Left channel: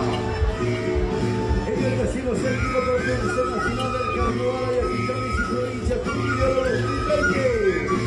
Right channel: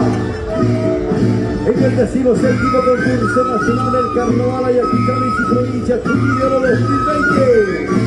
En el 17º concurso nacional del Carnaval Ayacucho y Provincia Figueroa 2020.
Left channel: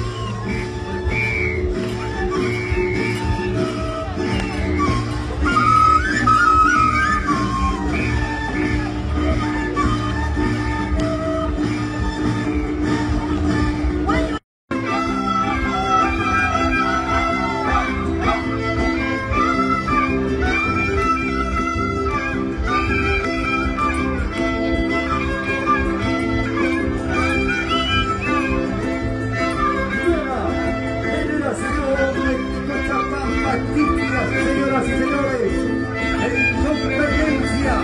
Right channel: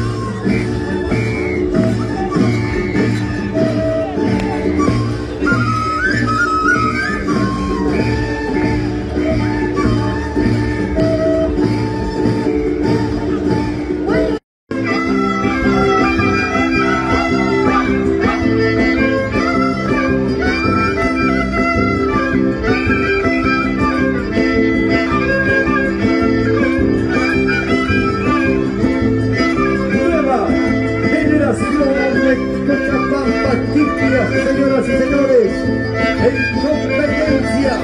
Señoras y señores, en competencia.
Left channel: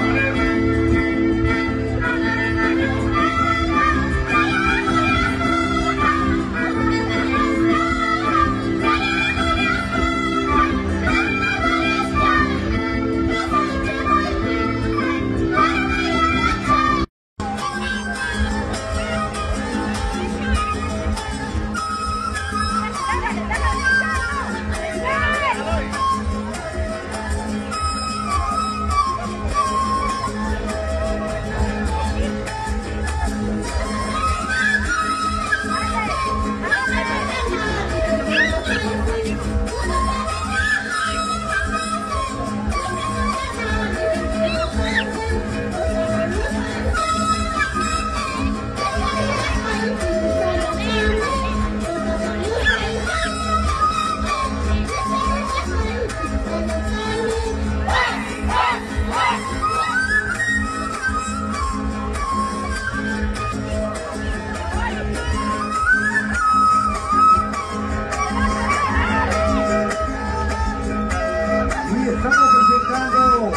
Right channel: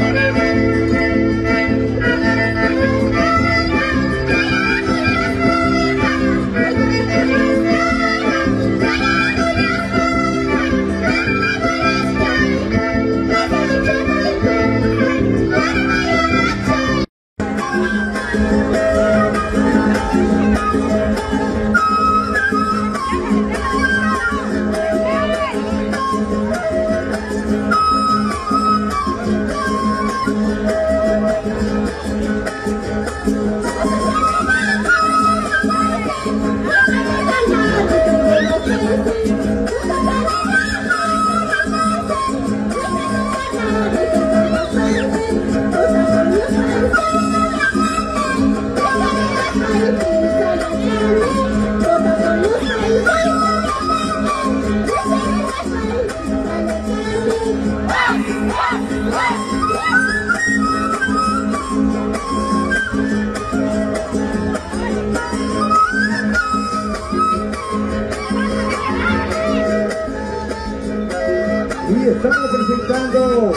Y estamos presentando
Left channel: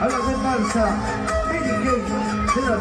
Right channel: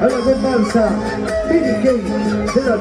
a la comparsa BK de la...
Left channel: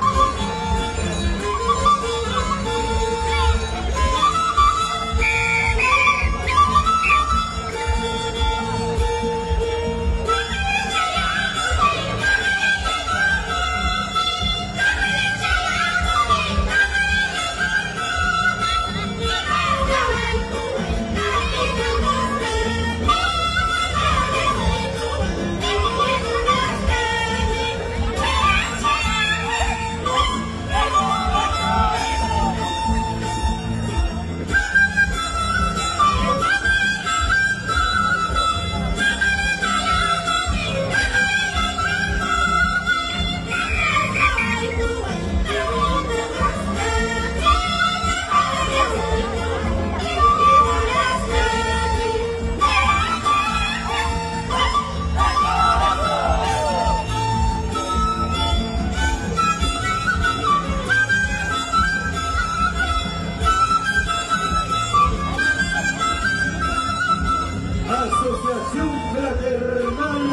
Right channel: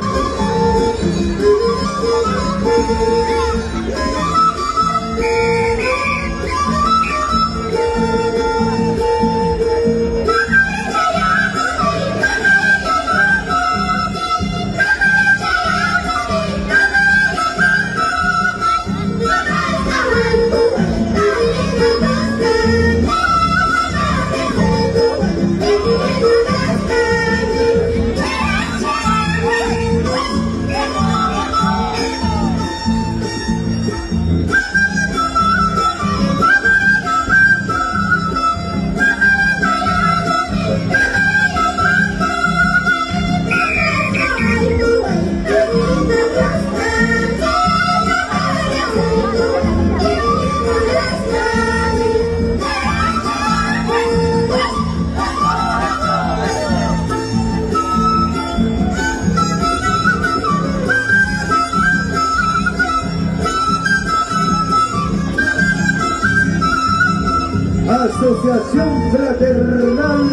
Asociación Fraternal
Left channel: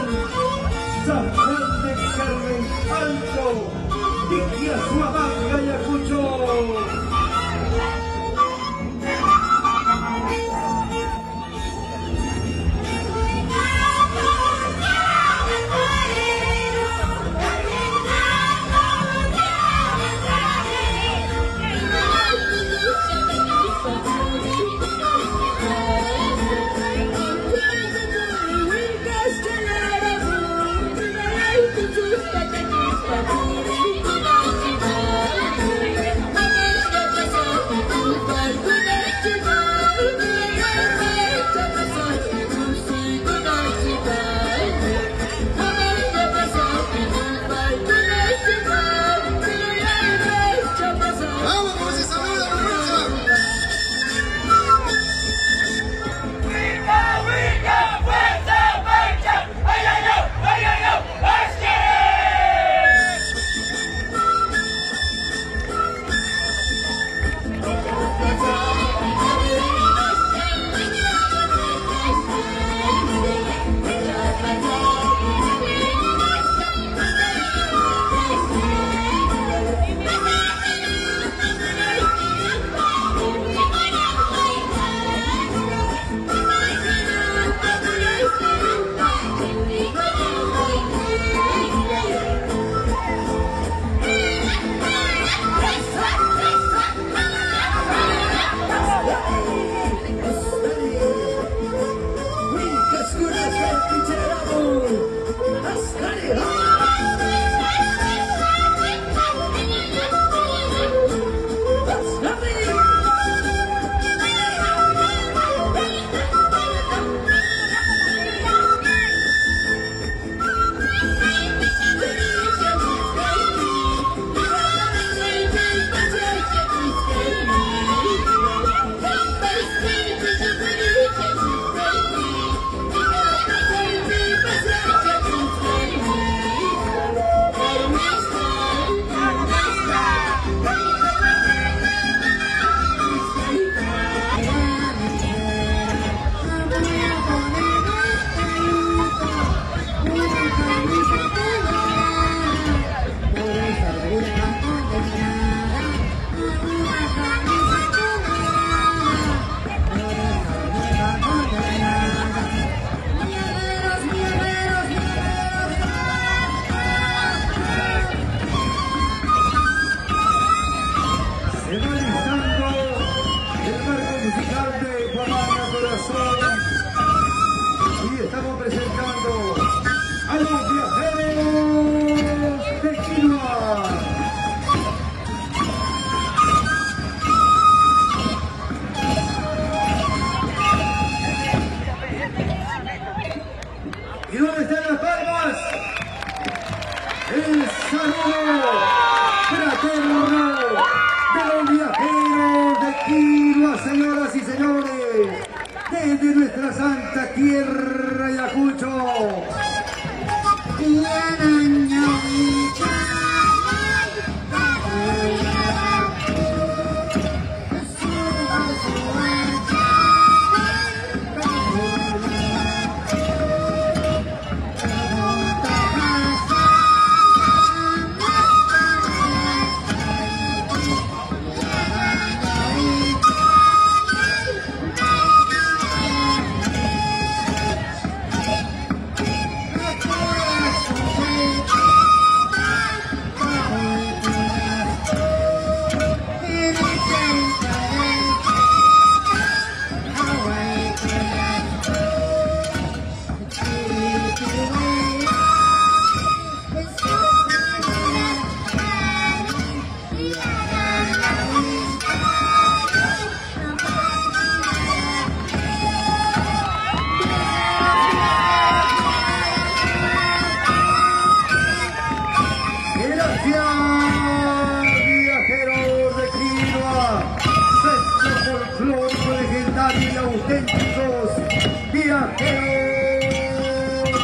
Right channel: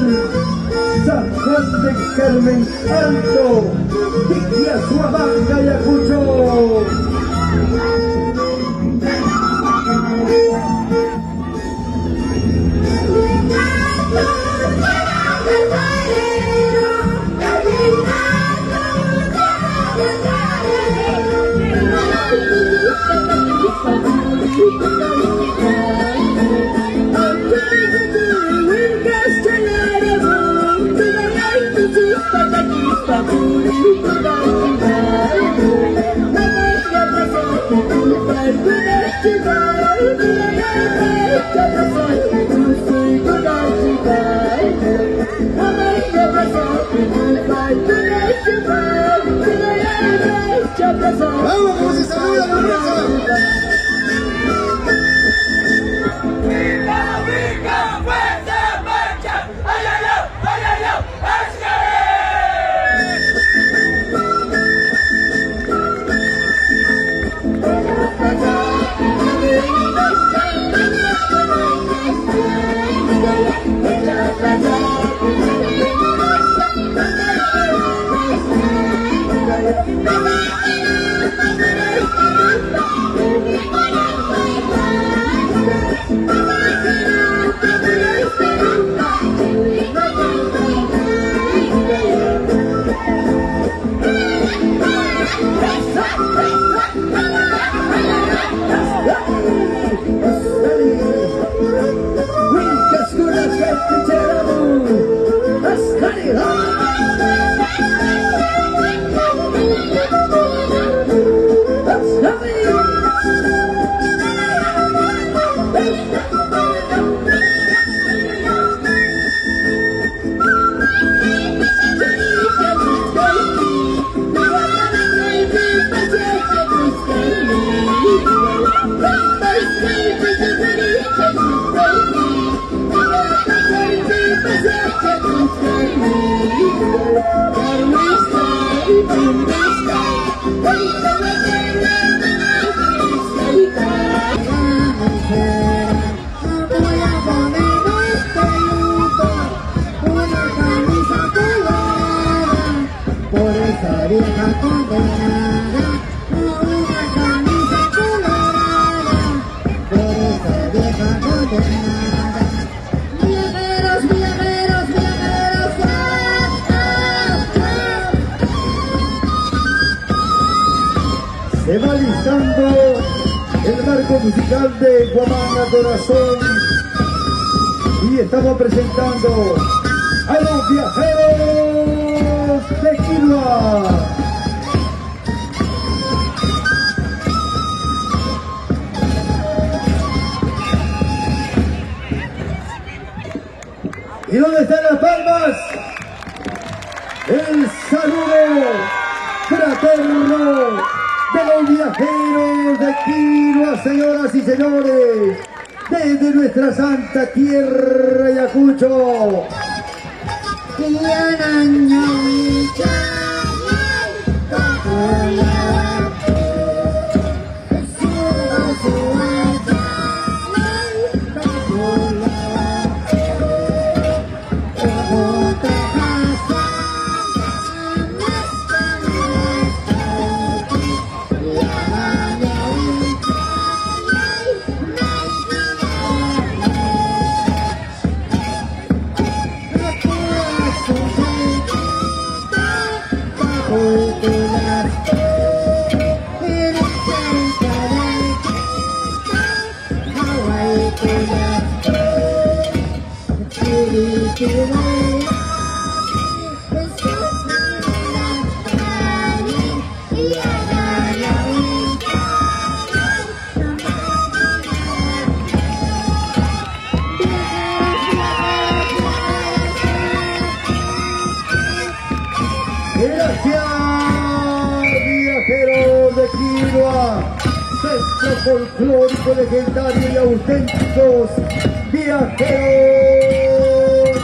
San Juan de Carmen Alto, Tiquiazuabanga, Ayacucho. Thank you. Se va listando el marco musical de Guamanga Corazón y estamos presentando a los viajeros de Quilua. ¿Y dónde están las palmas? El saludo fraterno de los viajeros de Quilua, señoras y señores, desde nuestra santa tierra Ayacucho. Viajeros de Quilua, centro folclórico legendario y auténticos viajeros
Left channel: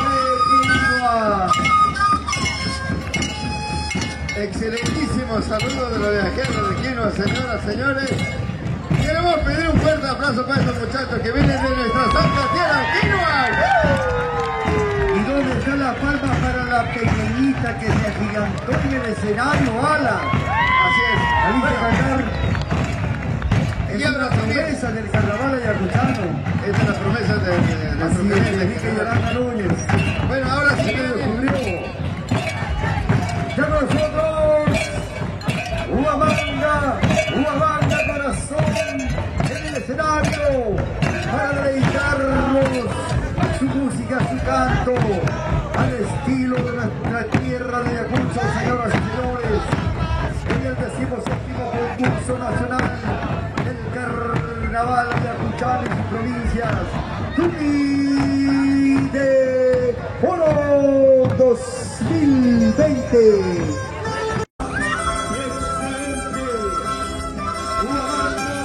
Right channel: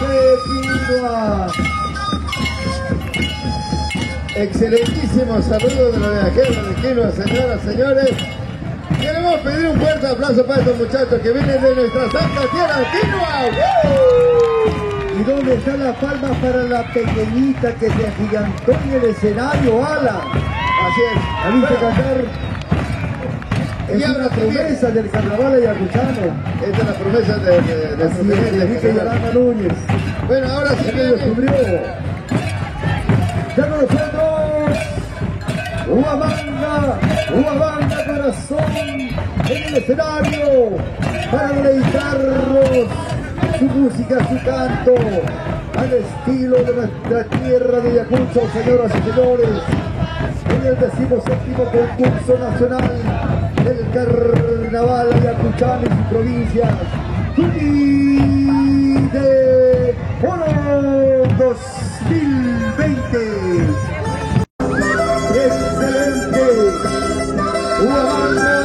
de Quilua. Excelentísimo saludo de los viajeros de Quilua, señoras y señores. Queremos pedir un fuerte aplauso para estos muchachos que vienen de nuestra santa tierra de Quilua. ¿Y dónde está la palma para la pequeñita que se agigantó en el escenario, Alan? Así es, ha visto cantar. Es una promesa del carnaval ayacuchano. Es una promesa de Enrique Yarama Núñez. Bueno, ahora sí lo descubrió. Ya nosotros, Huamanga Corazón, en el escenario, para deleitarlos. Su música, su canto, al estilo de nuestra tierra de Ayacucho, señoras y señores, en el 17º concurso nacional del carnaval ayacuchano y sus provincias, Tupi de Oro 2020. Excelente, Huamanga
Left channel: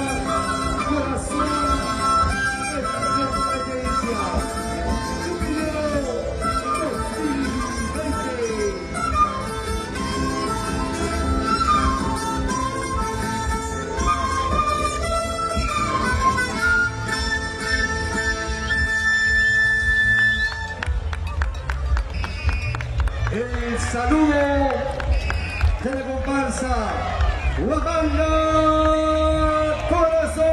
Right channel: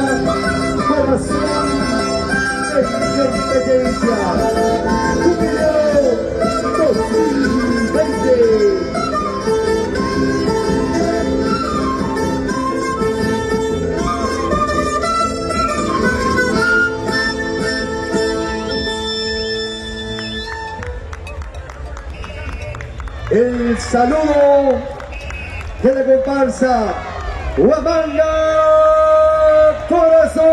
Corazón, experiencia. El saludo de la comparsa Huamanga Corazón.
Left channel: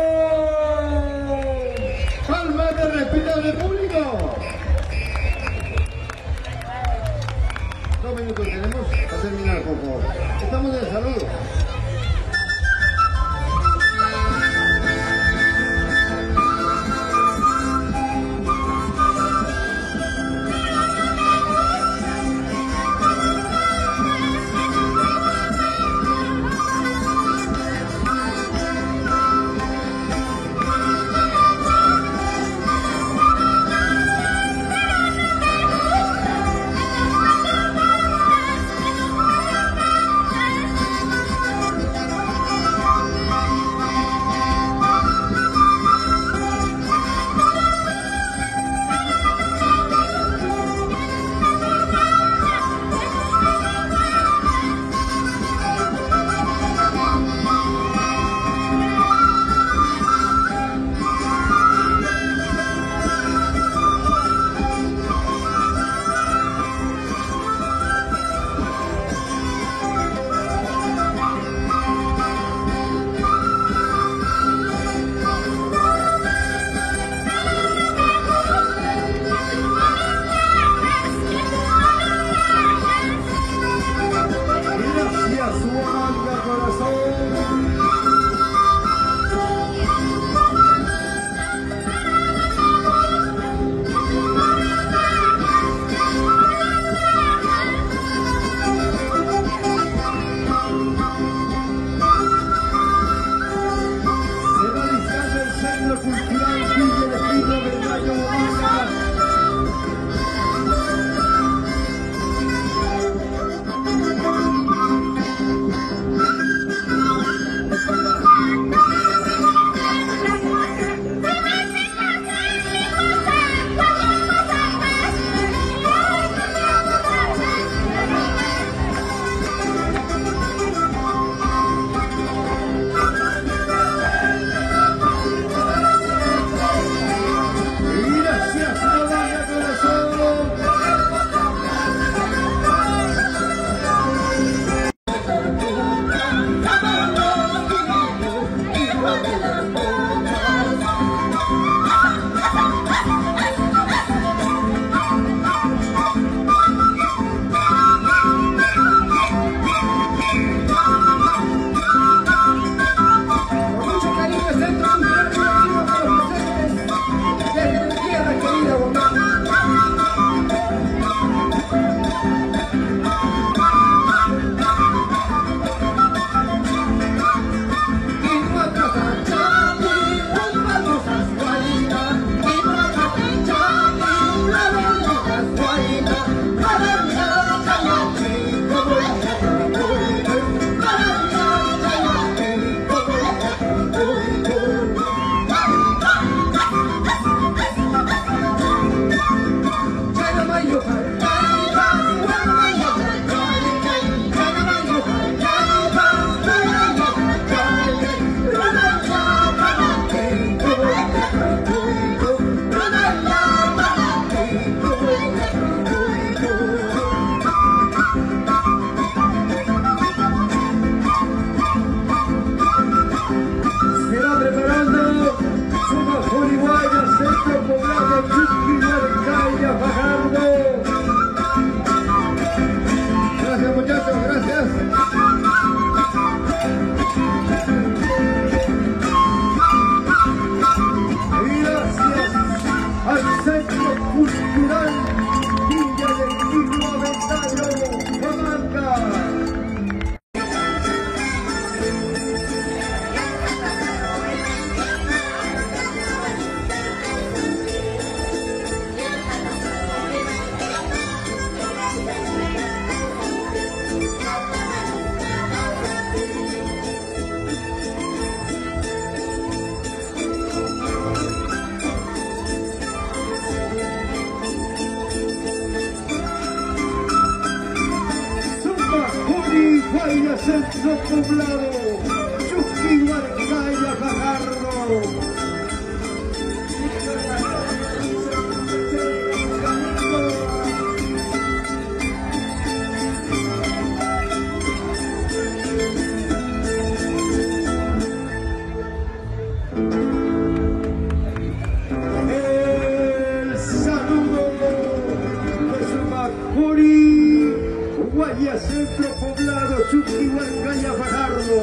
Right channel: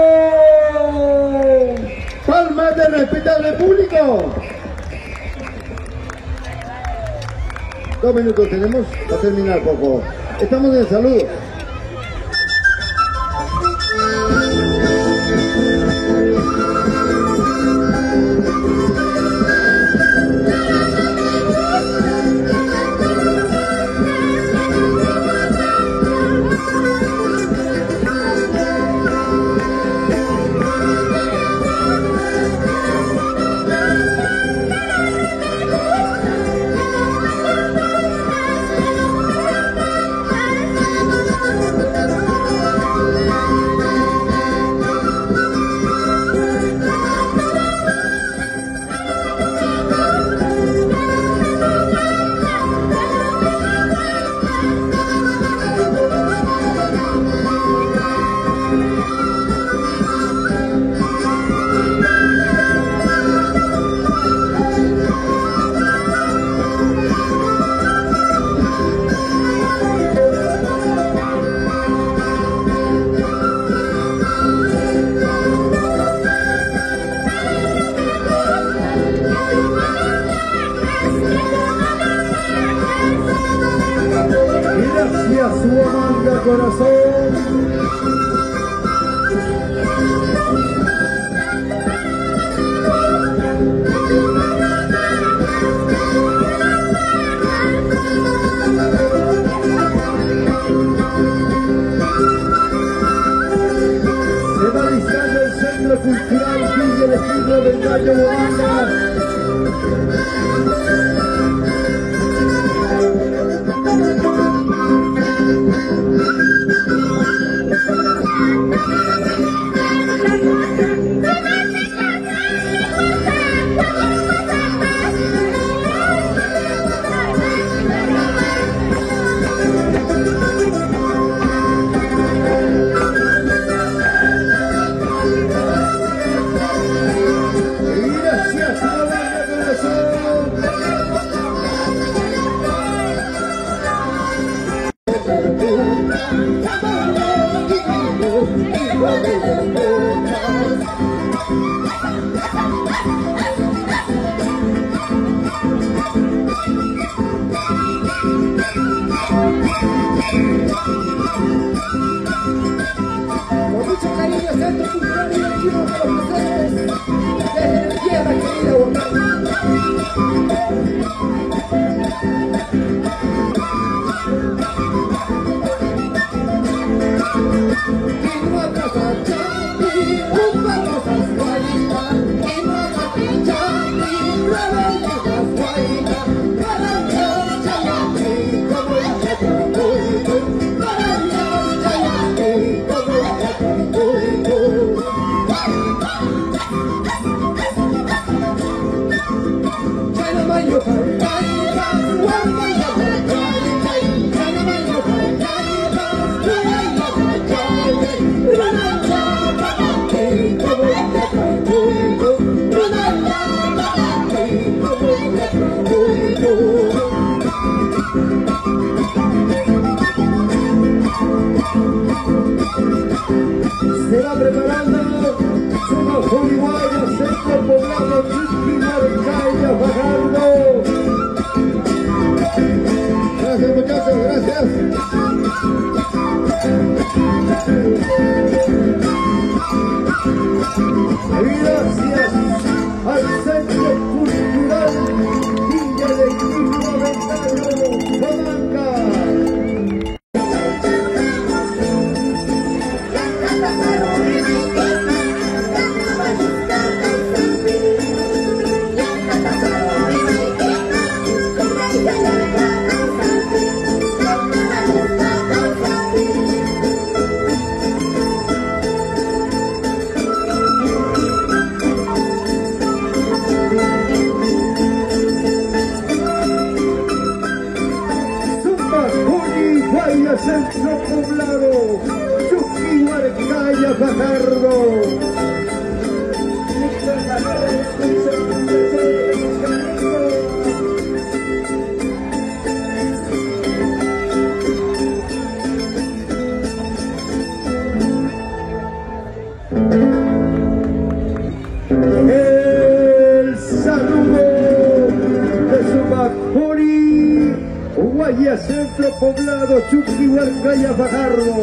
Palmas de respetable público. 2 minutos tenemos para terminar, por favor. Estamos en el saludo. corazón. Se va alistando el Centro Cultural Villa de Filo del Gallo de Villa. Se va preparando Zumba Jurihuaya, Centro Poblado, Chuquihuarcaya, Fajardo. Gracias muchachos, gracias. Gracias al Centro Cultural Villa del Filo del Gallo, Huamanga. Centro Poblado, Chuquihuarcaya, Fajardo. El saludo de Zumba Jurihuaya, Centro Poblado, Chuquihuarcaya, Fajardo.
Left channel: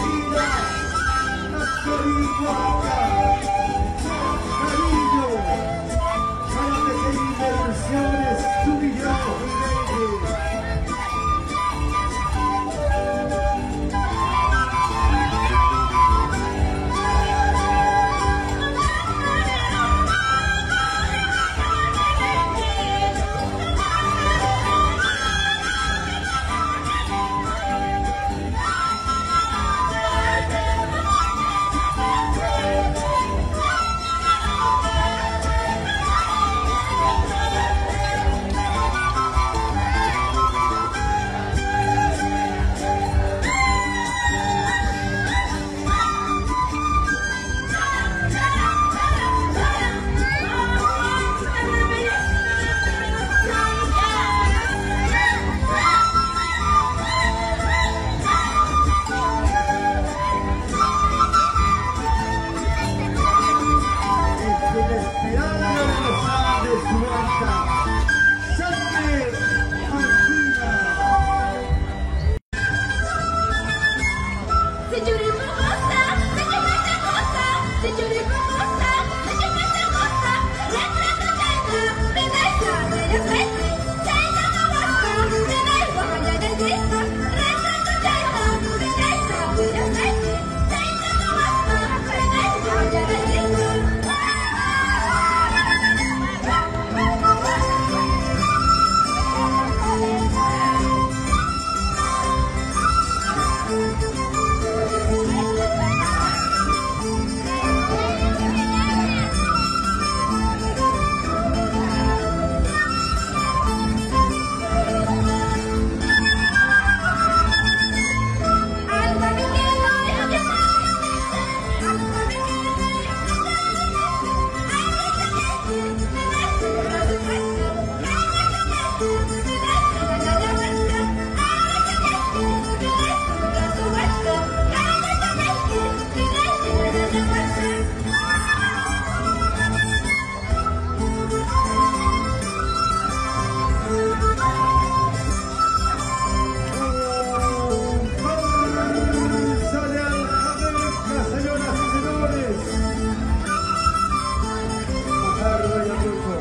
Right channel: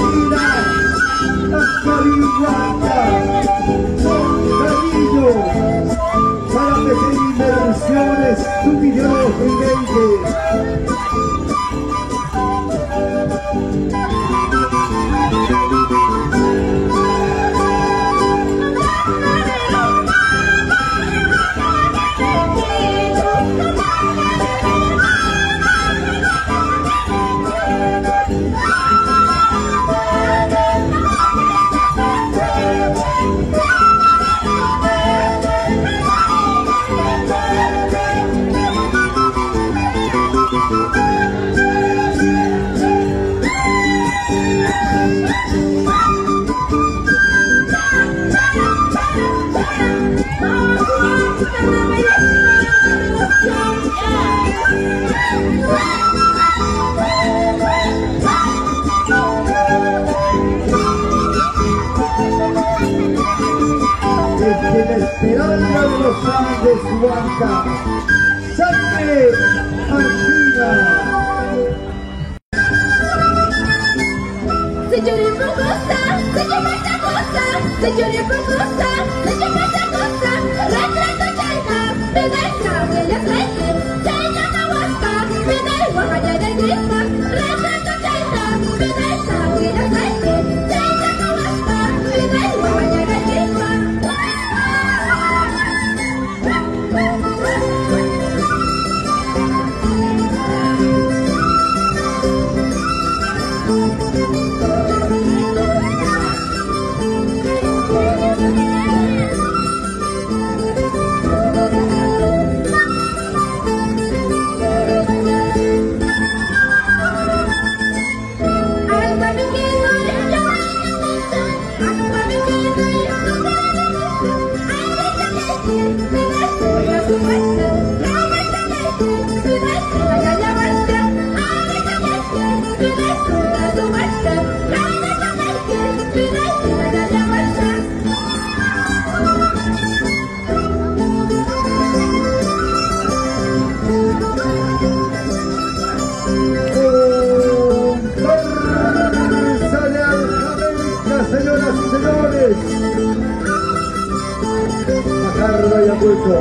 Hallelujah. Huanca, Canillo, para pedir inversiones, tu video gigante. Desde la Esperanza de los Andes, Huanca, Sangre Martina. Señores famosa, señorita hermosa, señores famosa, señorita hermosa, retrato llena, belleza, bella frente, se llama guapa, vive guapa de grima, retrato llena, belleza, bella frente, se llama guapa, vive guapa de grima. Señoras y señores, Fajardo Ayacucho.